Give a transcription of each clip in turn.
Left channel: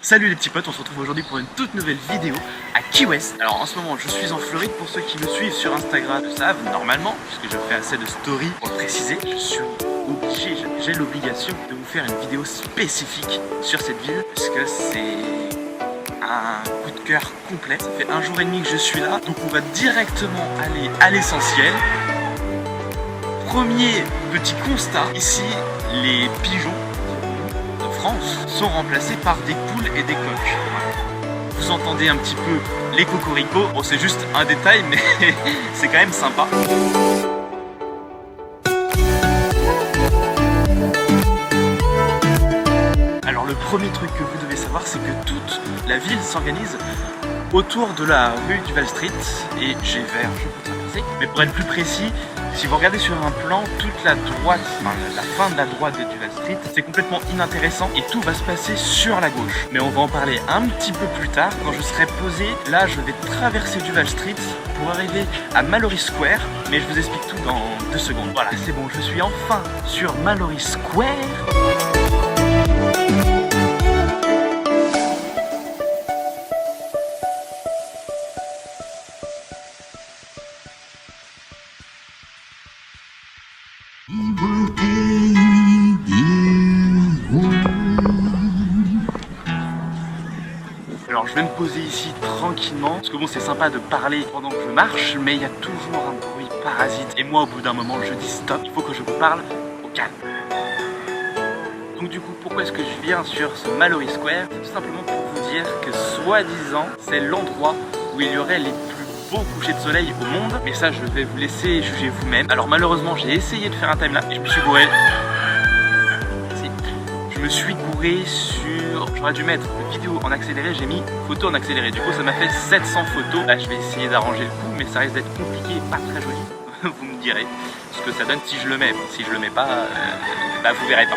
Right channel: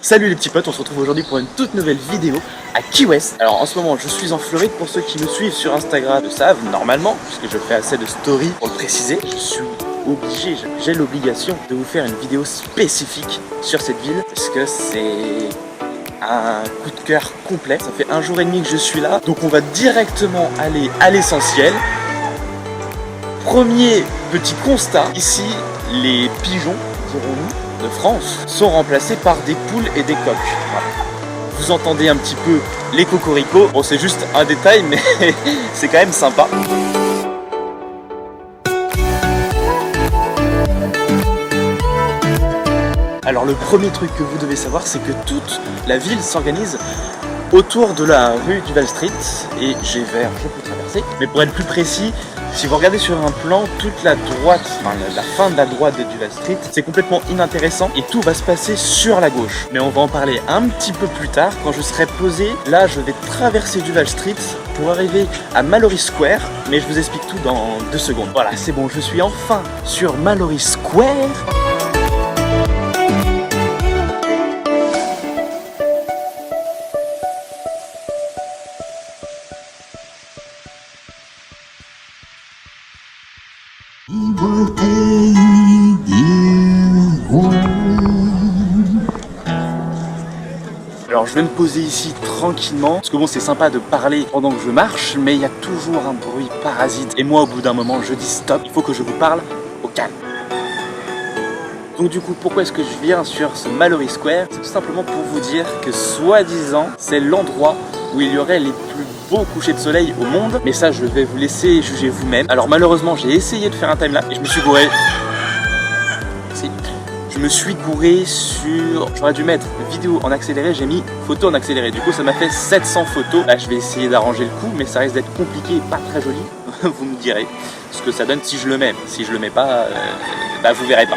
Salut les petits potes, on se retrouve aujourd'hui pour une toute nouvelle vidéo à Key West. Alors en ce moment je suis en Floride, pour ceux qui me suivent sur Instagram le savent normalement, puisque je fais assez de stories pour le préciser. Je suis obligé, j'ai l'obligation de vous faire une vidéo spécifique sur cette ville, parce que c'est un coup de cœur complet. Ça fait un jour et demi que je suis là, donc on va directement aller à l'essentiel. Premier petit constat, ici les pigeons, dirons-nous, de France sont remplacés par des poules et des coqs. Vous entendez un petit peu les cocoricots, bon c'est juste un détail mais c'est quand même sympa. Alors le premier truc que vous devez savoir, c'est que toute la ville s'organise autour de la rue Duval Street et j'ai vert, je peux traverser. Mais pour être plus précis, si vous regardez sur un plan, toute la droite, enfin la fin de la droite de Duval Street, c'est complètement inintéressant et tout va se passer sur la gauche. Mais on va en parler un petit peu plus tard, quand je serai posé. Là, je vais traverser Duval Street pour arriver à Mallory Square, mais je vous explique tout dans 2 secondes. Voilà, c'est bon, je suis enfin sur Mallory Square. Alors je vais me poser ici tranquillement, parce que bon c'est sympa de parler pendant que je marche, mais il y a toujours un bruit parasite. Et moi au bout d'un moment je dis stop, il faut que je vous parle au calme. Donc du coup pourquoi est-ce que je viens sur ce Mallory Square? C'est tout simplement pour vous dire que soi-disant c'est l'endroit où il y aurait les plus beaux couchers de soleil au monde. Mais ça je vais vous laisser juger vous-même. Alors malheureusement j'ai essayé de faire un timelapse et je me suis gouré. Je me suis gouré sur... J'aurais dû mettre vidéo en accéléré, j'ai mis photo en accéléré. Du coup ça m'a fait 700 photos. Là je vais essayer d'arranger le coup, mais ça risque d'être compliqué et pas très joli. Vous me direz ce que ça donne si je le mets. Si je le mets pas, bah vous verrez pas.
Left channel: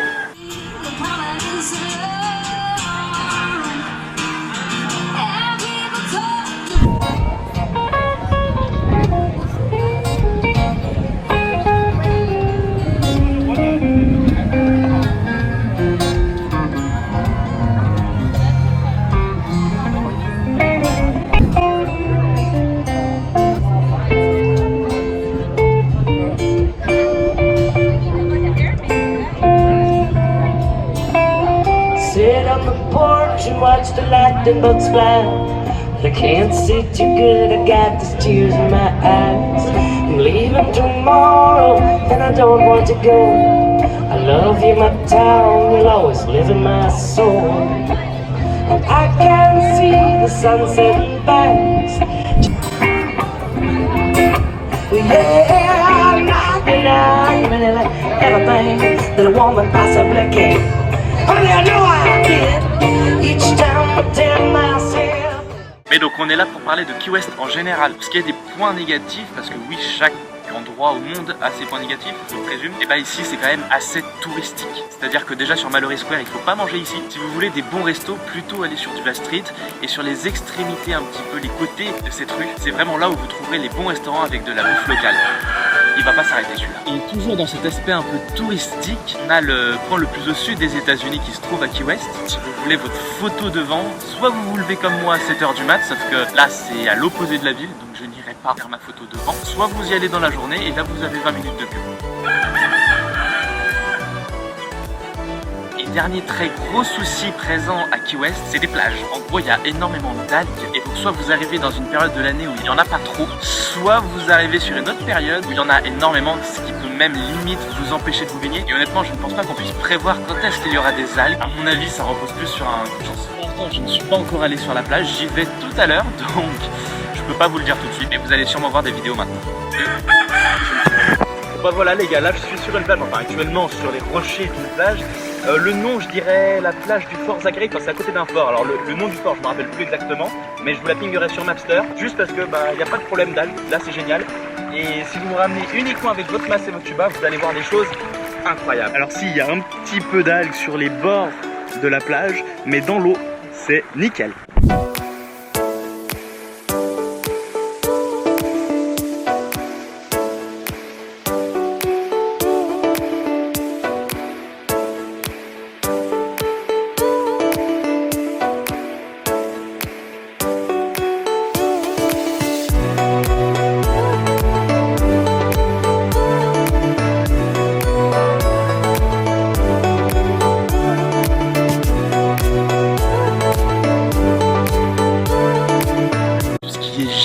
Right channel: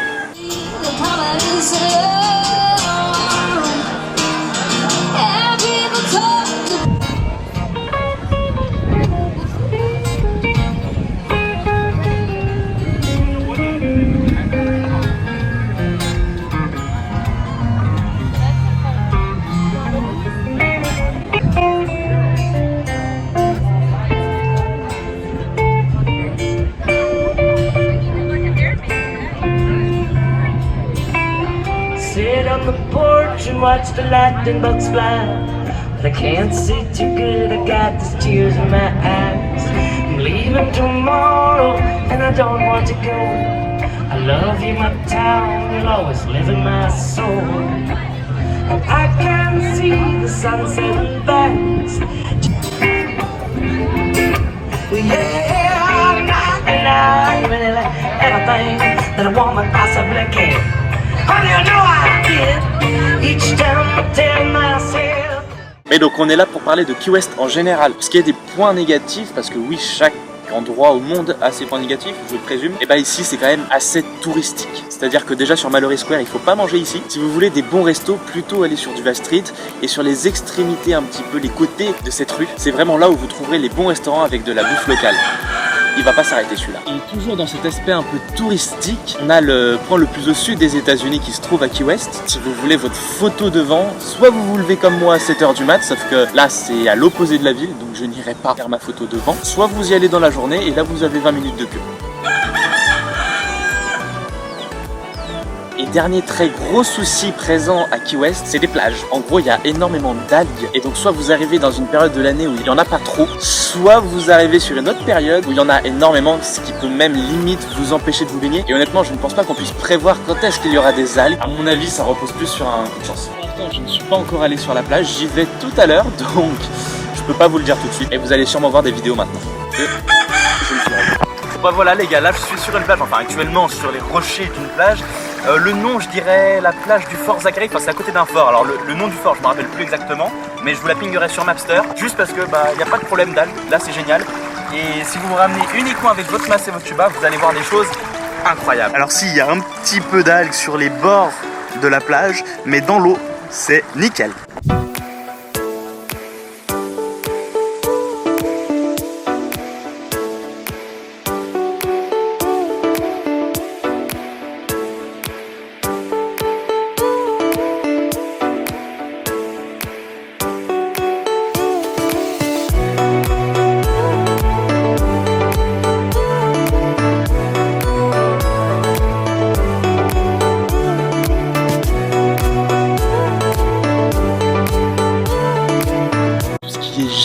Sit on the porch and watch the lightning bugs fly. But I can't see too good, I got these tears in my eyes. I'm leaving tomorrow and I don't want to go. I love you, my town, you'll always live in my soul. And I can see the sunset banks. Yeah, I'm not everything that a woman possibly can. Mais donc on est là pour parler de Key West en général, parce qu'il y a des points négatifs, parce que oui, chaque endroit au monde a ses points négatifs, je présume. Et bah ici c'est quand même assez touristique, c'est-à-dire que déjà sur Mallory Square il faut pas manger ici. Si vous voulez des bons restos, plutôt aller sur Duval Street et sur les extrémités, un petit peu les côtés de cette rue. C'est vraiment là où vous trouverez les bons restaurants avec de la bouffe locale. Il va pas s'arrêter celui-là. Et toujours dans cet aspect un peu touristique, on a le point le plus au sud des États-Unis qui se trouve à Key West. Si vous voulez votre photo devant, soit vous vous levez comme moi à 7h du mat, sauf que là c'est à l'opposé de la ville, donc je n'irai pas faire ma photo devant, soit vous y allez dans la journée et là vous avez 20 minutes de queue. Et dernier très gros souci présent à Key West, c'est les plages. En gros, il y a énormément d'algues. Et donc, soit vous arrivez dans une période de l'année où il n'y en a pas trop, soit vous arrivez sur une autre période où il y en a énormément, ce qui peut même limite vous empêcher de vous baigner. Et honnêtement, je ne pense pas qu'on puisse prévoir quand est-ce qu'il y aura des algues. À mon avis, ça repose plus sur un coup de chance. Pour l'instant, je ne suis pas encore allé sur la plage. J'y vais tout à l'heure, donc je peux pas vous le dire tout de suite. Et vous allez sûrement voir des vidéos maintenant. Bah voilà les gars, là je suis sur une plage, enfin actuellement sur les rochers d'une plage. Le nom, je dirais la plage du Fort Zachary, enfin c'est à côté d'un fort. Alors le nom du fort, je me rappelle plus exactement, mais je vous la pinguerai sur Mapster, juste parce que il n'y a pas de problème d'algues, là c'est génial. Et si vous vous ramenez uniquement avec votre masse et votre tuba, vous allez voir des choses incroyables. Alors si, il y a un petit peu d'algues sur les bords de la plage, mais dans l'eau, c'est nickel.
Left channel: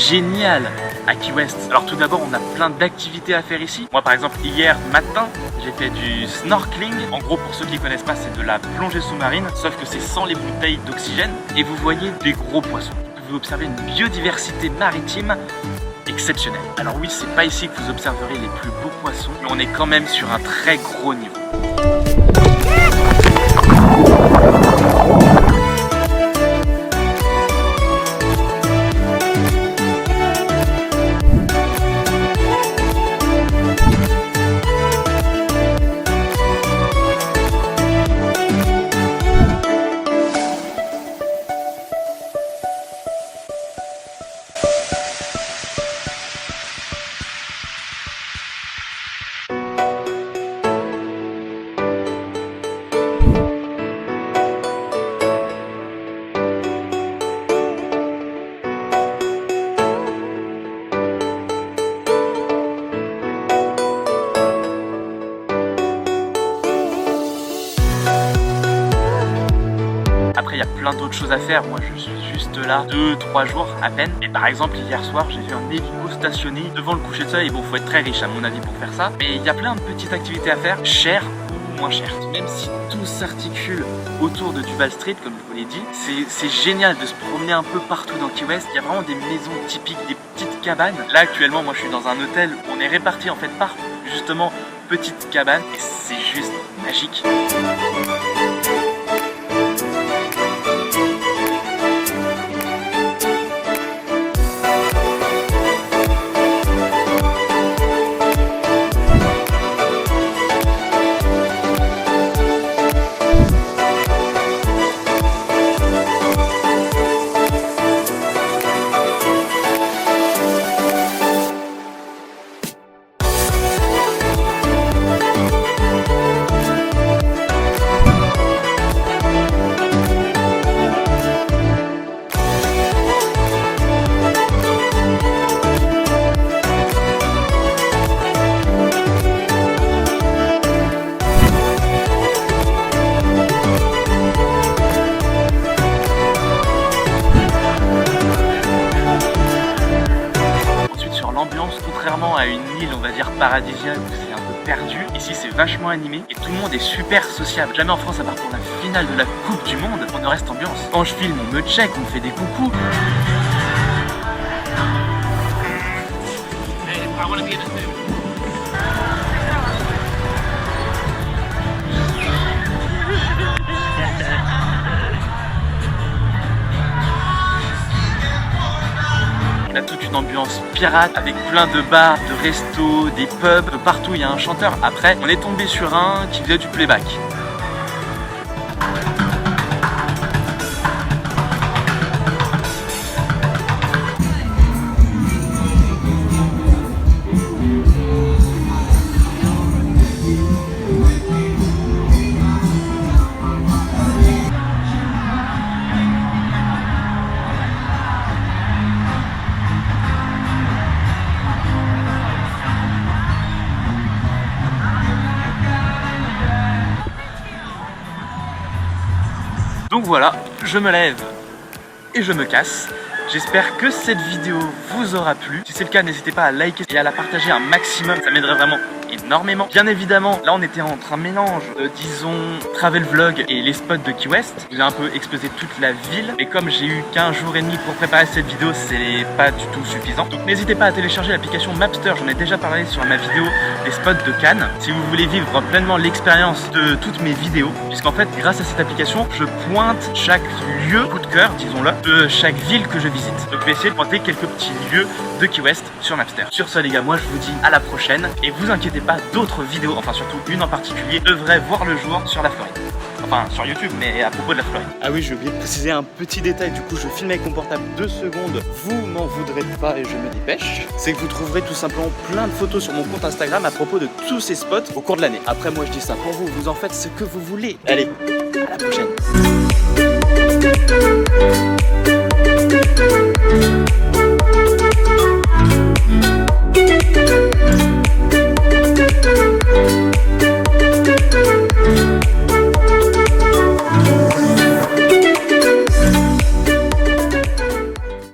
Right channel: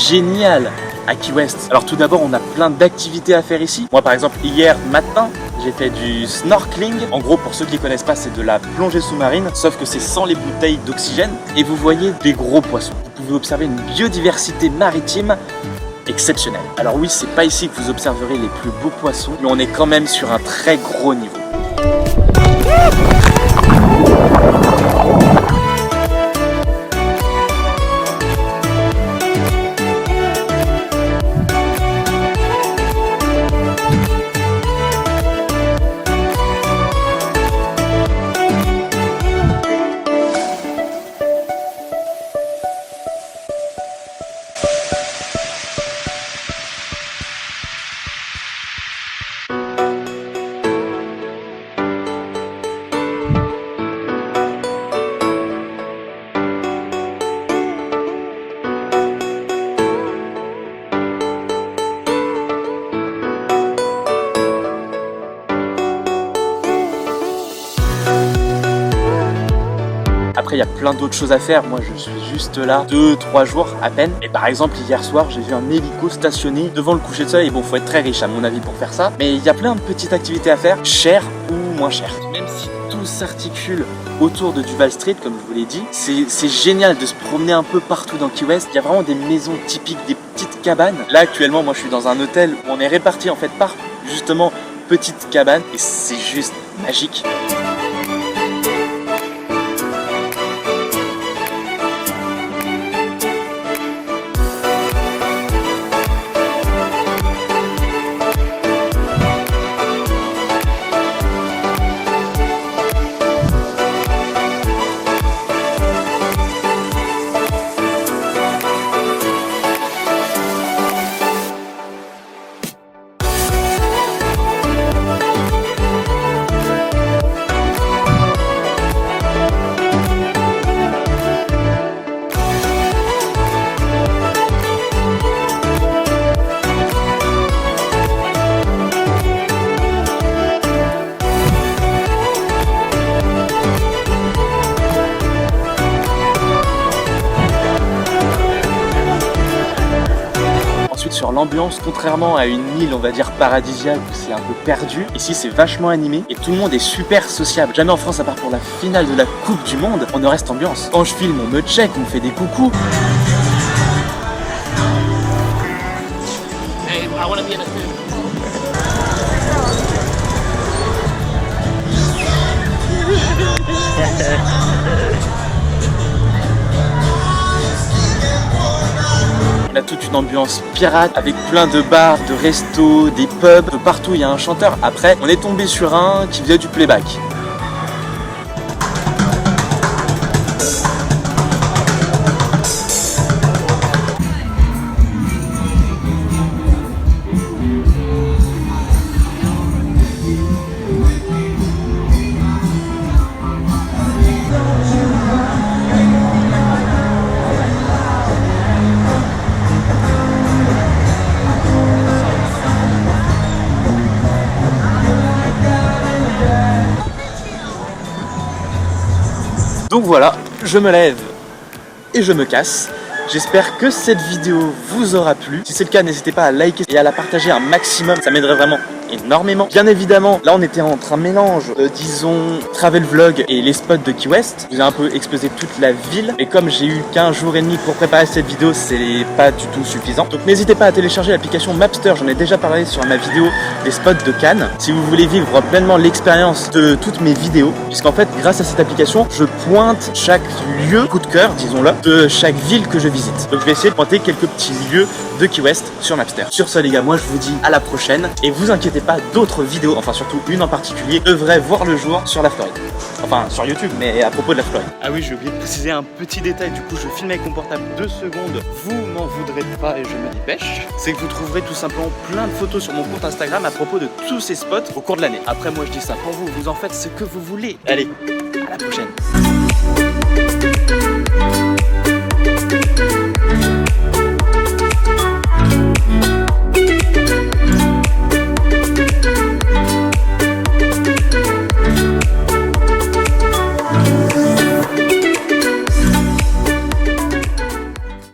génial à Key West. Alors tout d'abord, on a plein d'activités à faire ici. Moi par exemple, hier matin, j'ai fait du snorkeling. En gros, pour ceux qui ne connaissent pas, c'est de la plongée sous-marine, sauf que c'est sans les bouteilles d'oxygène. Et vous voyez des gros poissons. Vous pouvez observer une biodiversité maritime exceptionnelle. Alors oui, c'est pas ici que vous observerez les plus beaux poissons, mais on est quand même sur un très gros niveau. Après, il y a plein d'autres choses à faire. Moi, je suis juste là 2-3 jours à peine. Et par exemple, hier soir, j'ai vu un hélico stationné devant le coucher de soleil. Bon, faut être très riche à mon avis pour faire ça. Mais il y a plein de petites activités à faire, chères ou moins chères. Même si tout s'articule autour de Duval Street, comme je vous l'ai dit, c'est génial de se promener un peu partout dans Key West. Il y a vraiment des maisons typiques, des petites cabanes. Là, actuellement, moi, je suis dans un hôtel où on est répartis en fait par justement petites cabanes. Et c'est juste magique. Sur l'ambiance, contrairement à une île on va dire paradisiaque où c'est un peu perdu, ici c'est vachement animé et tout le monde est super sociable. Jamais en France, à part pour la finale de la Coupe du Monde, on ne reste ambiance. Quand je filme, on me check, on me fait des coucous. On a toute une ambiance pirate avec plein de bars, de restos, des pubs. Partout il y a un chanteur. Après, on est tombé sur un qui faisait du playback. Donc voilà, je me lève et je me casse. J'espère que cette vidéo vous aura plu. Si c'est le cas, n'hésitez pas à liker et à la partager un maximum. Ça m'aiderait vraiment énormément. Bien évidemment, là on était entre un mélange, disons, travel vlog et les spots de Key West. Je vous ai un peu explosé toute la ville. Et comme j'ai eu qu'un jour et demi pour préparer cette vidéo, c'est pas du tout suffisant. Donc n'hésitez pas à télécharger l'application Mapster. J'en ai déjà parlé sur ma vidéo des spots de Cannes. Si vous voulez vivre pleinement l'expérience de toutes mes vidéos, puisqu'en fait, grâce à cette application, je pointe chaque lieu, coup de cœur, disons-le, de chaque ville que je visite. Donc je vais essayer de pointer quelques petits lieux de Key West sur Mapster. Sur ce les gars, moi je vous dis à la prochaine. Et vous inquiétez pas, d'autres vidéos, enfin surtout une en particulier, devraient voir le jour sur la Floride. Enfin sur YouTube, mais à propos de la Floride. Ah oui, j'ai oublié de préciser un petit détail, du coup je filme avec mon portable 2 secondes. Vous m'en voudrez pas et je me dépêche. C'est que vous trouverez tout simplement plein de photos sur mon compte Instagram à propos de tous ces spots au cours de l'année. Après moi je dis ça pour vous, vous en faites ce que vous voulez. Allez, à la prochaine.